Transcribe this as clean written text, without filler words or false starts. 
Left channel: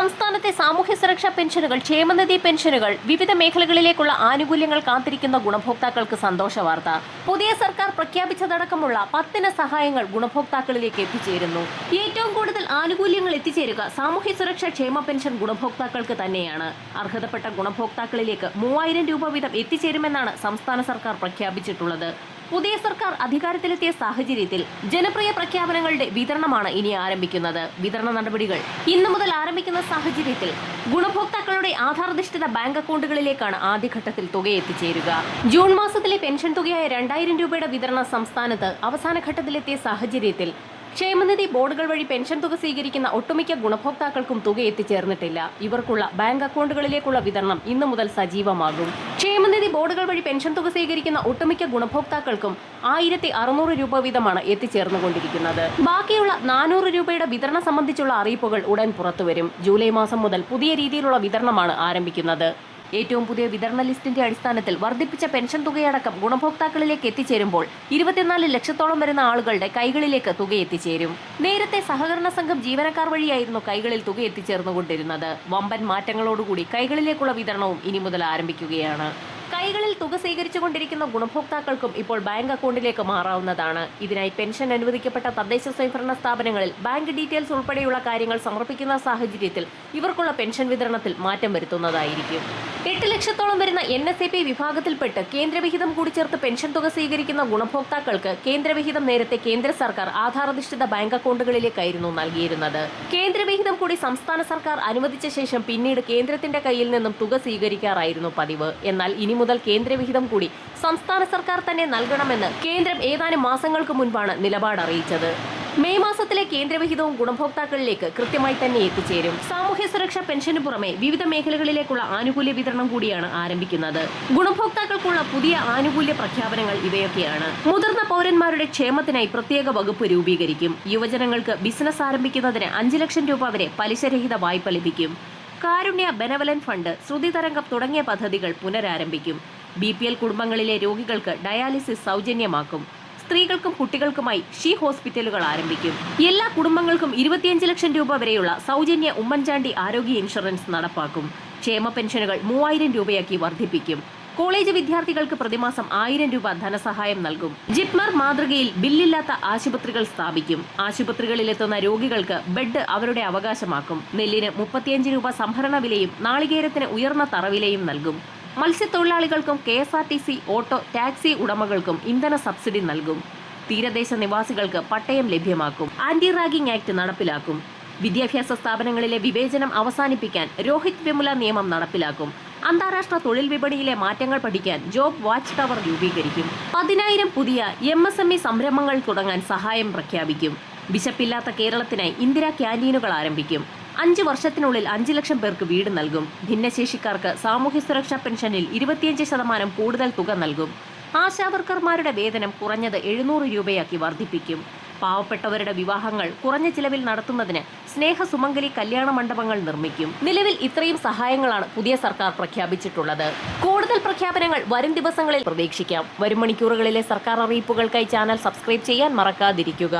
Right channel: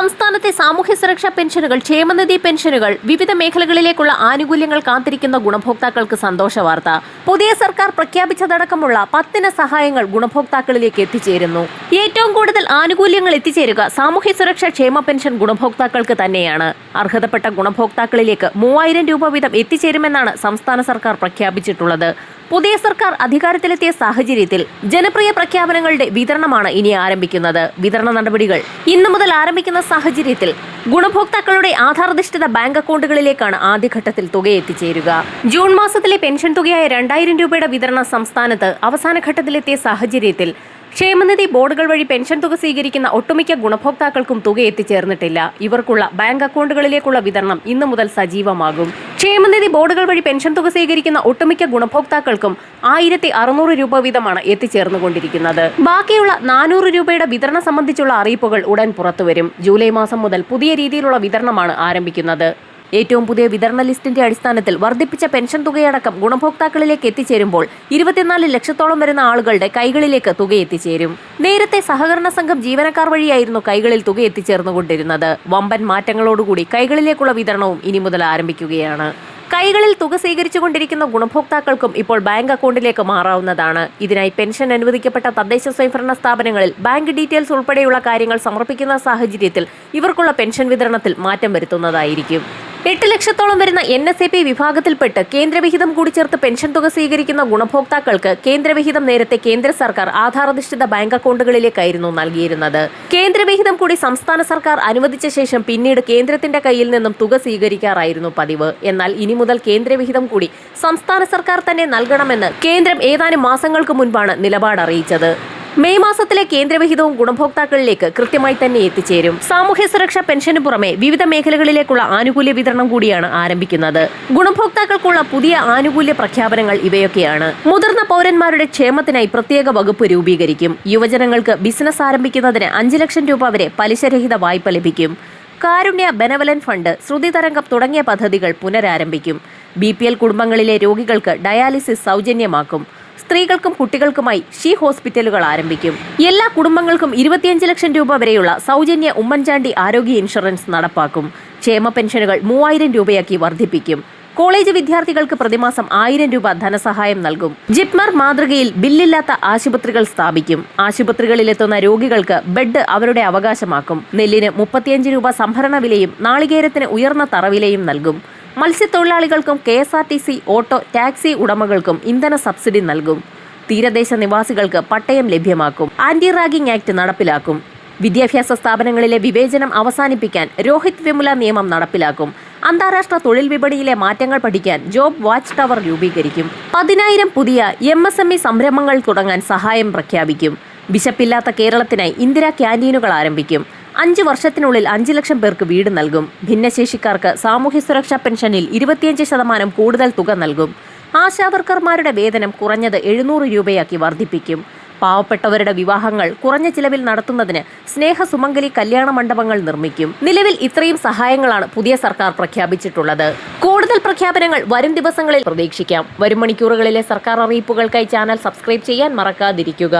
സംസ്ഥാനത്തെ സാമൂഹ്യ സുരക്ഷാ പെൻഷനുകൾ, ക്ഷേമനിധി പെൻഷനുകൾ, വിവിധ മേഖലകളിലേക്കുള്ള ആനുകൂല്യങ്ങൾ കാത്തിരിക്കുന്ന ഗുണഭോക്താക്കൾക്ക് സന്തോഷ വാർത്ത. പുതിയ സർക്കാർ പ്രഖ്യാപിച്ചതടക്കമുള്ള 10 സഹായങ്ങൾ ഗുണഭോക്താക്കളിലേക്ക് എത്തിച്ചേരുന്നു. ഏറ്റവും കൂടുതൽ ആനുകൂല്യങ്ങൾ എത്തിച്ചേരുക സാമൂഹ്യ സുരക്ഷാ ക്ഷേമ പെൻഷൻ ഗുണഭോക്താക്കൾക്ക് തന്നെയാണ്. അർഹതപ്പെട്ട ഗുണഭോക്താക്കളിലേക്ക് 3000 രൂപ വീതം എത്തിച്ചേരുമെന്നാണ് സംസ്ഥാന സർക്കാർ പ്രഖ്യാപിച്ചിട്ടുള്ളത്. പുതിയ സർക്കാർ അധികാരത്തിലെത്തിയ സാഹചര്യത്തിൽ ജനപ്രിയ പ്രഖ്യാപനങ്ങളുടെ വിതരണമാണ് ഇനി ആരംഭിക്കുന്നത്. വിതരണ നടപടികൾ ഇന്നു മുതൽ ആരംഭിക്കുന്ന സാഹചര്യത്തിൽ ഗുണഭോക്താക്കളുടെ ആധാരധിഷ്ഠിത ബാങ്ക് അക്കൗണ്ടുകളിലേക്കാണ് ആദ്യഘട്ടത്തിൽ തുക എത്തിച്ചേരുക. ജൂൺ മാസത്തിലെ പെൻഷൻ തുകയായ 2000 രൂപയുടെ വിതരണം സംസ്ഥാനത്ത് അവസാന ഘട്ടത്തിലെത്തിയ സാഹചര്യത്തിൽ ക്ഷേമനിധി ബോർഡുകൾ വഴി പെൻഷൻ തുക സ്വീകരിക്കുന്ന ഒട്ടുമിക്ക ഗുണഭോക്താക്കൾക്കും തുക എത്തിച്ചേർന്നിട്ടില്ല. ഇവർക്കുള്ള ബാങ്ക് അക്കൗണ്ടുകളിലേക്കുള്ള വിതരണം ഇന്നു മുതൽ സജീവമാകും. ക്ഷേമനിധി ബോർഡുകൾ വഴി പെൻഷൻ തുക സ്വീകരിക്കുന്ന ഒട്ടുമിക്ക ഗുണഭോക്താക്കൾക്കും 1600 രൂപ വീതമാണ് എത്തിച്ചേർന്നുകൊണ്ടിരിക്കുന്നത്. ബാക്കിയുള്ള 400 രൂപയുടെ വിതരണം സംബന്ധിച്ചുള്ള അറിയിപ്പുകൾ ഉടൻ പുറത്തുവരും. ജൂലൈ മാസം മുതൽ പുതിയ രീതിയിലുള്ള വിതരണമാണ് ആരംഭിക്കുന്നത്. ഏറ്റവും പുതിയ വിതരണ ലിസ്റ്റിന്റെ അടിസ്ഥാനത്തിൽ വർദ്ധിപ്പിച്ച പെൻഷൻ തുകയടക്കം ഗുണഭോക്താക്കളിലേക്ക് എത്തിച്ചേരുമ്പോൾ 24 ലക്ഷത്തോളം വരുന്ന ആളുകളുടെ കൈകളിലേക്ക് തുക എത്തിച്ചേരും. നേരത്തെ സഹകരണ സംഘം ജീവനക്കാർ വഴിയായിരുന്നു കൈകളിൽ തുക എത്തിച്ചേർന്നുകൊണ്ടിരുന്നത്. വമ്പൻ മാറ്റങ്ങളോടുകൂടി കൈകളിലേക്കുള്ള വിതരണവും ഇനി മുതൽ ആരംഭിക്കുകയാണ്. കൈകളിൽ തുക സ്വീകരിച്ചുകൊണ്ടിരിക്കുന്ന ഗുണഭോക്താക്കൾക്കും ഇപ്പോൾ ബാങ്ക് അക്കൗണ്ടിലേക്ക് മാറാവുന്നതാണ്. ഇതിനായി പെൻഷൻ അനുവദിക്കപ്പെട്ട തദ്ദേശ സ്വയംഭരണ സ്ഥാപനങ്ങളിൽ ബാങ്ക് ഡീറ്റെയിൽസ് ഉൾപ്പെടെയുള്ള കാര്യങ്ങൾ സമർപ്പിക്കുന്ന സാഹചര്യത്തിൽ ഇവർക്കുള്ള പെൻഷൻ വിതരണത്തിൽ മാറ്റം വരുത്തുന്നതായിരിക്കും. 8 ലക്ഷത്തോളം വരുന്ന NSAP വിഭാഗത്തിൽപ്പെട്ട് കേന്ദ്രവിഹിതം കൂടി ചേർത്ത് പെൻഷൻ തുക സ്വീകരിക്കുന്ന ഗുണഭോക്താക്കൾക്ക് കേന്ദ്രവിഹിതം നേരത്തെ കേന്ദ്ര സർക്കാർ ആധാരധിഷ്ഠിത ബാങ്ക് അക്കൗണ്ടുകളിലേക്കായിരുന്നു നൽകിയിരുന്നത്. കേന്ദ്രവിഹിതം കൂടി സംസ്ഥാന സർക്കാർ അനുവദിച്ച ശേഷം പിന്നീട് കേന്ദ്രത്തിന്റെ കയ്യിൽ നിന്നും തുക സ്വീകരിക്കാറായിരുന്നു പതിവ്. എന്നാൽ ഇനി മുതൽ കേന്ദ്രവിഹിതം കൂടി സംസ്ഥാന സർക്കാർ തന്നെ നൽകണമെന്ന് കേന്ദ്രം ഏതാനും മാസങ്ങൾക്ക് മുൻപാണ് നിലപാട് അറിയിച്ചത്. മെയ് മാസത്തിലെ കേന്ദ്രവിഹിതവും ഗുണഭോക്താക്കളിലേക്ക് കൃത്യമായി തന്നെ എത്തിച്ചേരും. സാമൂഹ്യ സുരക്ഷാ പെൻഷന് പുറമെ വിവിധ മേഖലകളിലേക്കുള്ള ആനുകൂല്യ വിതരണം കൂടിയാണ് ആരംഭിക്കുന്നത്. ഗുണഭോക്താക്കൾക്കുള്ള പുതിയ ആനുകൂല്യ പ്രഖ്യാപനങ്ങൾ ഇവയൊക്കെയാണ്. മുതിർന്ന പൗരന്മാരുടെ ക്ഷേമത്തിനായി പ്രത്യേക വകുപ്പ് രൂപീകരിക്കും. യുവജനങ്ങൾക്ക് ബിസിനസ് ആരംഭിക്കുന്നതിന് 5 ലക്ഷം രൂപ വരെ പലിശരഹിത വായ്പ ലഭിക്കും. കാരുണ്യ, ബെനവലന്റ് ഫണ്ട്, ശ്രുതി തരംഗം തുടങ്ങിയ പദ്ധതികൾ പുനരാരംഭിക്കും. BPL കുടുംബങ്ങളിലെ രോഗികൾക്ക് ഡയാലിസിസ് സൗജന്യമാക്കും. സ്ത്രീകൾക്കും കുട്ടികൾക്കുമായി ഷീ ഹോസ്പിറ്റലുകൾ ആരംഭിക്കും. എല്ലാ കുടുംബങ്ങൾക്കും 25 ലക്ഷം രൂപ വരെയുള്ള സൗജന്യ ഉമ്മൻചാണ്ടി ആരോഗ്യ ഇൻഷുറൻസ് നടപ്പാക്കും. ക്ഷേമ പെൻഷനുകൾ 3000 രൂപയാക്കി വർദ്ധിപ്പിക്കും. കോളേജ് വിദ്യാർത്ഥികൾക്ക് പ്രതിമാസം 1000 രൂപ ധനസഹായം നൽകും. ജിപ്മർ മാതൃകയിൽ ബില്ലില്ലാത്ത ആശുപത്രികൾ സ്ഥാപിക്കും. ആശുപത്രികളിലെത്തുന്ന രോഗികൾക്ക് ബെഡ് അവരുടെ അവകാശമാക്കും. നെല്ലിന് 35 രൂപ സംഭരണ വിലയും നാളികേരത്തിന് ഉയർന്ന തറവിലയും നൽകും. മത്സ്യത്തൊഴിലാളികൾക്കും KSRTC ഓട്ടോ ടാക്സി ഉടമകൾക്കും ഇന്ധന സബ്സിഡി നൽകും. തീരദേശ നിവാസികൾക്ക് പട്ടയം ലഭ്യമാക്കും. ആന്റി റാഗിംഗ് ആക്ട് നടപ്പിലാക്കും. വിദ്യാഭ്യാസ സ്ഥാപനങ്ങളിലെ വിവേചനം അവസാനിപ്പിക്കാൻ രോഹിത് വെമുല നിയമം നടപ്പിലാക്കും. അന്താരാഷ്ട്ര തൊഴിൽ വിപണിയിലെ മാറ്റങ്ങൾ പഠിക്കാൻ ജോബ് വാച്ച് ടവർ രൂപീകരിക്കും. 10,000 പുതിയ MSME സംരംഭങ്ങൾ തുടങ്ങാൻ സഹായം പ്രഖ്യാപിക്കും. വിശപ്പില്ലാത്ത കേരളത്തിനായി ഇന്ദിരാ ക്യാന്റീനുകൾ ആരംഭിക്കും. 5 വർഷത്തിനുള്ളിൽ 5 ലക്ഷം പേർക്ക് വീട് നൽകും. ഭിന്നശേഷിക്കാർക്ക് സാമൂഹ്യ സുരക്ഷാ പെൻഷനിൽ 25% കൂടുതൽ തുക നൽകും. ആശാവർക്കർമാരുടെ വേതനം കുറഞ്ഞത് 700 രൂപയാക്കി വർദ്ധിപ്പിക്കും. പാവപ്പെട്ടവരുടെ വിവാഹങ്ങൾ കുറഞ്ഞ ചിലവിൽ നടത്തുന്നതിന് സ്നേഹസുമംഗലി കല്യാണ മണ്ഡപങ്ങൾ നിർമ്മിക്കും. നിലവിൽ ഇത്രയും സഹായങ്ങളാണ് പുതിയ സർക്കാർ പ്രഖ്യാപിച്ചിട്ടുള്ളത്. കൂടുതൽ പ്രഖ്യാപനങ്ങൾ വരും ദിവസങ്ങളിൽ പ്രതീക്ഷിക്കാം. വരും മണിക്കൂറുകളിലെ സർക്കാർ അറിയിപ്പുകൾക്കായി ചാനൽ സബ്സ്ക്രൈബ് ചെയ്യാൻ മറക്കാതിരിക്കുക.